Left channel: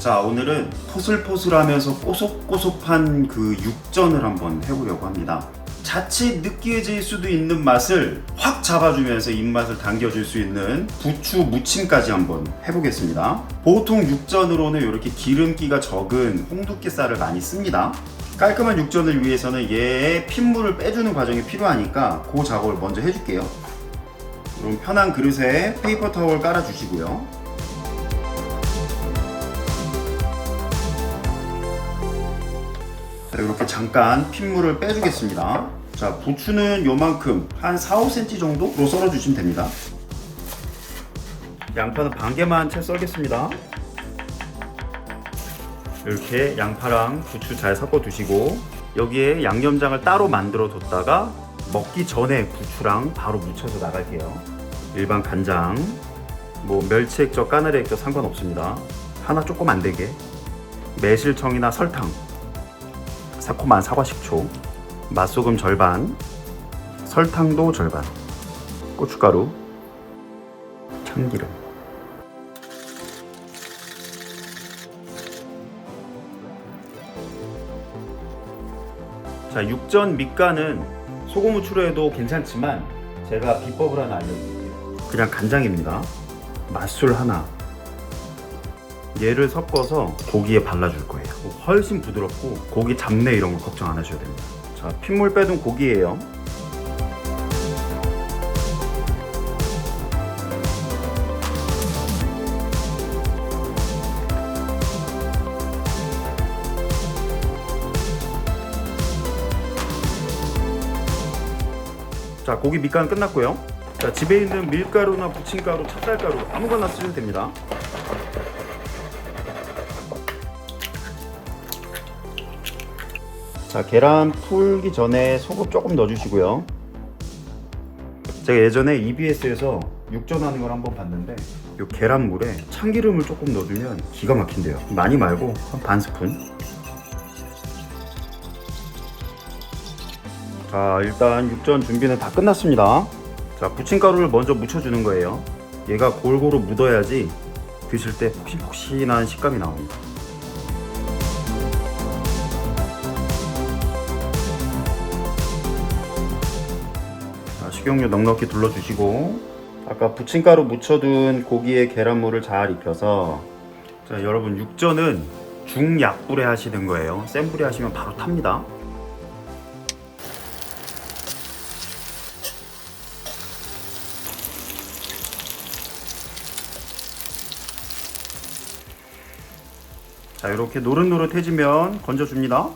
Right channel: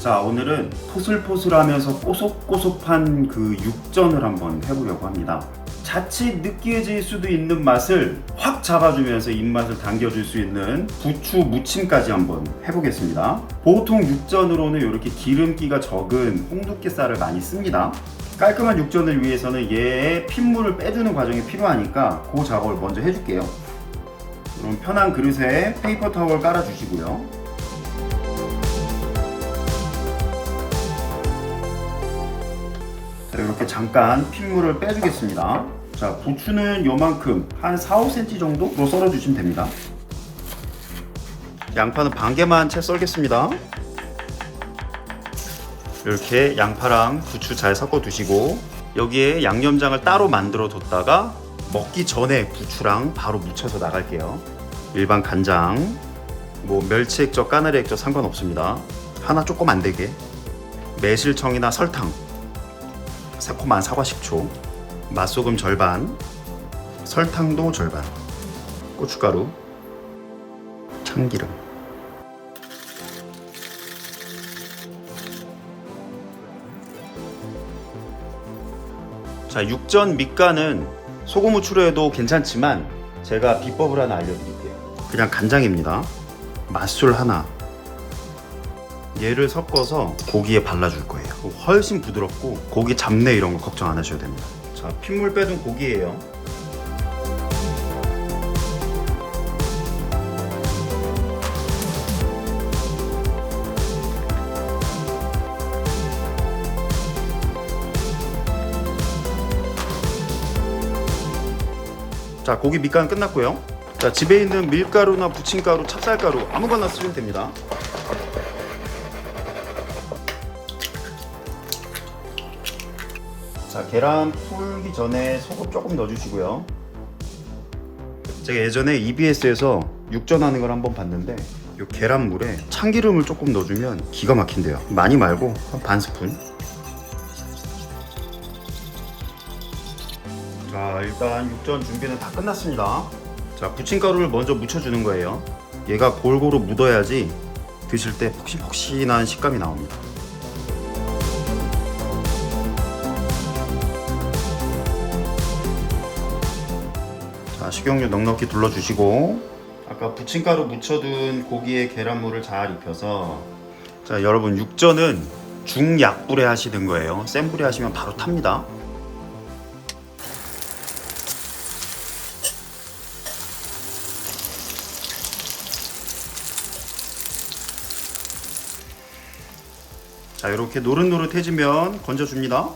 자 오늘은 포슬포슬하면서 꼬속꼬속한 그 육전을 한번 해보려고 합니다. 자칫 느끼해질 수도 있는 맛을 확 잡아주면서 입맛을 당겨줄 수 있는 부추 무침까지 한번 해보겠습니다. 보통 육전으로는 이렇게 기름기가 적은 홍두깨살을 많이 씁니다. 깔끔한 육전을 위해서는 얘의 핏물을 빼주는 과정이 필요하니까 그 작업을 먼저 해줄게요. 그럼 편한 그릇에 페이퍼 타월 깔아주시고요. 자, 이렇게 잠깐 핏물을 빼주겠습니다. 자, 부추는 요만큼 한 4, 5cm 정도로 썰어주시면 됩니다. 양파는 반 개만 채 썰겠습니다. 이렇게 양파랑 부추 잘 섞어 두시고 여기에 양념장을 따로 만들어 뒀다가 먹기 전에 부추랑 바로 묻혀서 나갈게요. 일반 간장, 뭐 멸치 액젓, 까나리 액젓 상관없습니다. 하나 조금 안 되게 매실청이나 설탕, 새콤한 사과 식초, 맛소금 절반, 설탕도 절반, 고춧가루, 참기름. 자, 육전 밑간은 소금 후추로 해도 괜찮지만 제가 비법을 하나 알려드릴게요. 그냥 간장입니다. 맛술 하나. 얘를 섞어서 고기에 발라줄 거예요. 훨씬 부드럽고 고기 잡내 이런 거 걱정 안 하셔도 됩니다. 자, 핏물 빼둔 고기예요. 자, 고기 밑간 끝났고요. 자, 집에 있는 밀가루나 부침가루, 찹쌀가루 아무거나 쓰면 됩니다. 자, 계란 풀기 전에 소금 조금 넣어주시고요. 제가 예전에 EBS에서 육전하는 걸 한번 봤는데 이 계란물에 참기름을 조금 넣어주면 기가 막힌대요. 많이 말고 한 반 스푼. 자, 일단 육전 준비는 다 끝났습니다. 자, 부침가루를 먼저 묻혀주는 거예요. 얘가 골고루 묻어야지 드실 때 폭신폭신한 식감이 나옵니다. 자, 식용유 넉넉히 둘러주시고 아까 부침가루 묻혀둔 고기에 계란물을 잘 입혀서 자 여러분 육전은 중약불에 하시는 거예요. 센 불에 하시면 바로 탑니다. 자 이렇게 노릇노릇해지면 건져줍니다.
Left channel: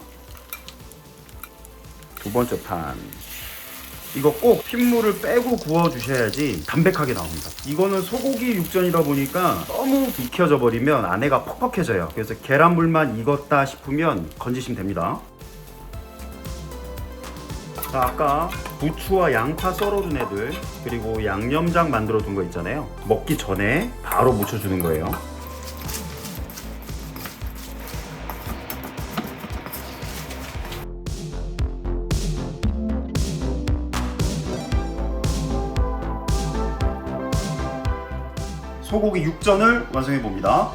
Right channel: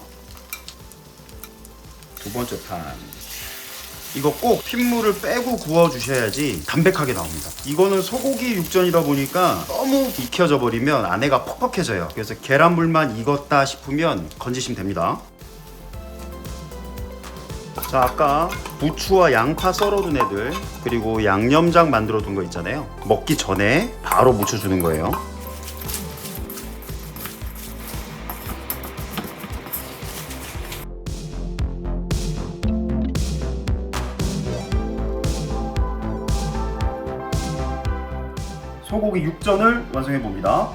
두 번째 판 이거 꼭 핏물을 빼고 구워 주셔야지 담백하게 나옵니다. 이거는 소고기 육전이다 보니까 너무 익혀져 버리면 안에가 퍽퍽해져요. 그래서 계란물만 익었다 싶으면 건지시면 됩니다. 자, 아까 부추와 양파 썰어둔 애들 그리고 양념장 만들어 둔 거 있잖아요. 먹기 전에 바로 묻혀주는 거예요. 소고기 육전을 완성해 봅니다.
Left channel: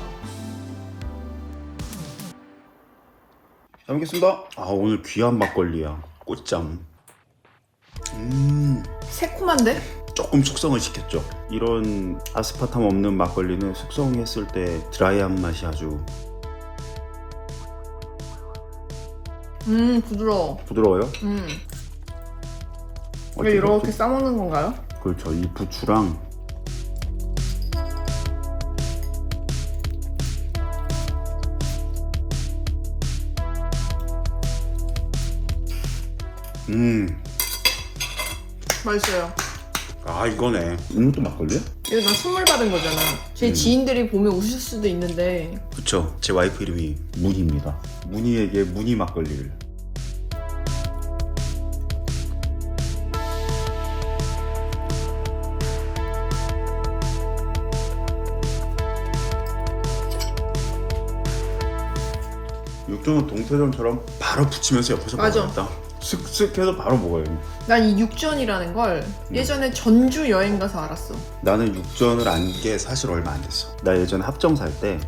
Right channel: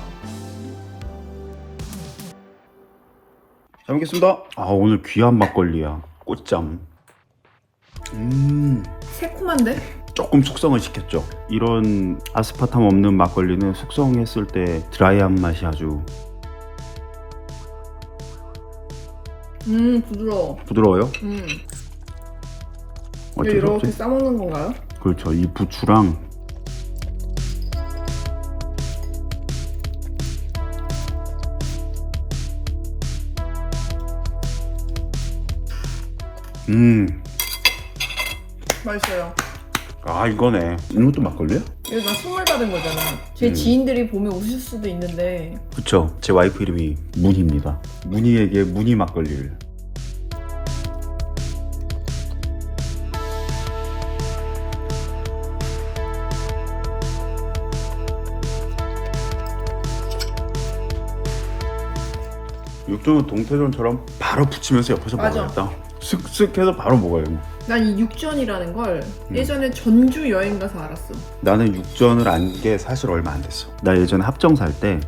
잘 먹겠습니다. 아 오늘 귀한 막걸리야. 꽃장. 음 새콤한데? 조금 숙성을 시켰죠. 이런 아스파탐 없는 막걸리는 숙성했을 때 드라이한 맛이 아주 음 부드러워. 부드러워요. 음. 왜 이렇게? 싸먹는 건가요? 그렇죠. 이 부추랑 음, 맛있어요. 아 이거네. 이것도 막걸리? 이거 나 선물 받은 거잖아. 제 음. 지인들이 보면 웃을 수도 있는데 그쵸. 제 와이프 이름이 문희입니다. 문희에게 문희 막걸리를. 육종은 동태전처럼 바로 붙이면서 옆에서 맞아. 먹어야겠다. 슥슥해서 바로 먹어야 돼. 난이 육전이라는 걸 음. 예전에 전주 여행 가서 알았어. 나는 육전을 안 게 사실 얼마 안 됐어. 나 예전에 합정 살 때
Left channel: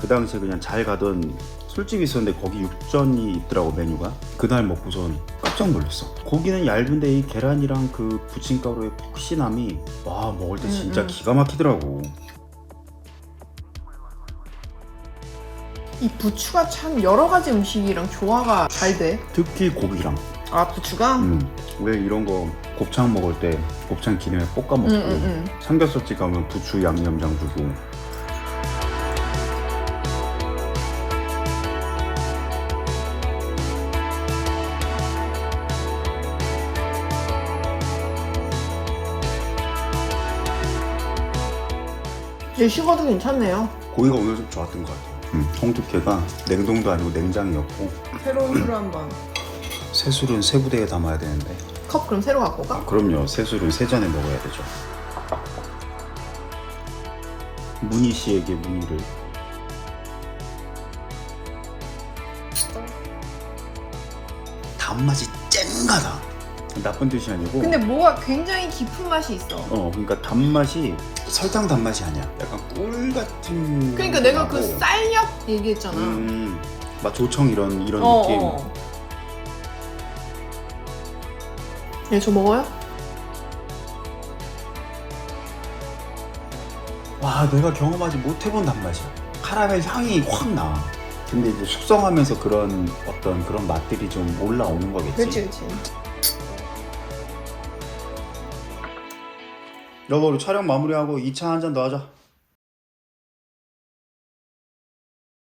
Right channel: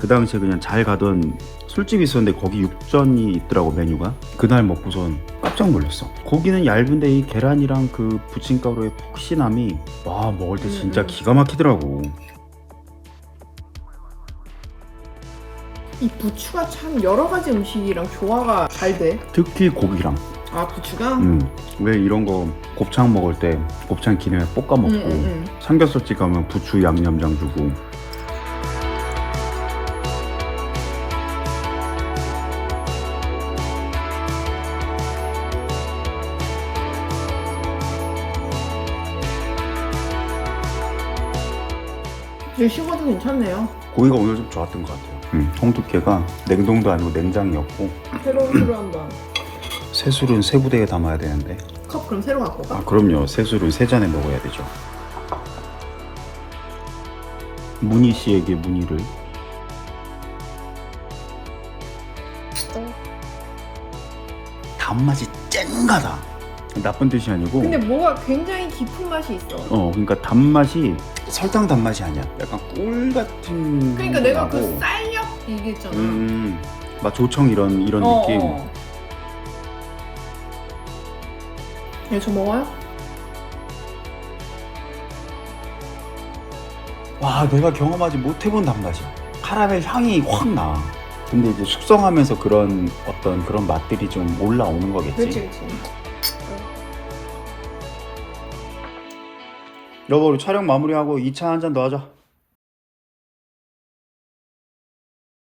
그 당시에 그냥 잘 가던 술집이 있었는데 거기 육전이 있더라고 메뉴가 그날 먹고선 깜짝 놀랐어 고기는 얇은데 이 계란이랑 그 부침가루의 푹신함이 와 먹을 때 음, 진짜 음. 기가 막히더라고 이 부추가 참 여러 가지 음식이랑 조화가 잘 돼. 특히 고기랑 아 부추가? 음, 왜 이런 거 곱창 먹을 때 곱창 기름에 볶아 먹고 응, 응, 응. 삼겹살집 가면 부추 양념장 주고 되게 식어도 괜찮네요. 고기가 오늘 좀 좋았던 것 같아요 음, 통 두께가 냉동도 아니고 냉장이었고 새로운 술을 한번. 새술은 새 부대에 담아야 되는데. 컵 그럼 새로 갖고 아, 가? 그럼요. 새술을 세 잔에 먹어야 되죠. 문희 씨에게 문희를. 단맛이 쨍가다 나쁜 뜻이 아니고 근데 뭐가 굉장히 깊은 맛이 있어. 어 그러니까 단맛이 설탕 단맛이 아니야 약간 꿀 같은 그러니까 내가. 그 쌀약 얘기했잖아. 음, 막 조청 이런 이런 어, 느낌 어. 네, 저 먹어요? 와 내가 경험하지 못해본 단맛이야 카라멜 향이 확 나 근데 이제 숙성하면서 그런 어떤 그런 맛들이 좀 올라오는 거겠지 그렇지, 그렇지. 여보 촬영 마무리하고 2차 한 잔 더 하자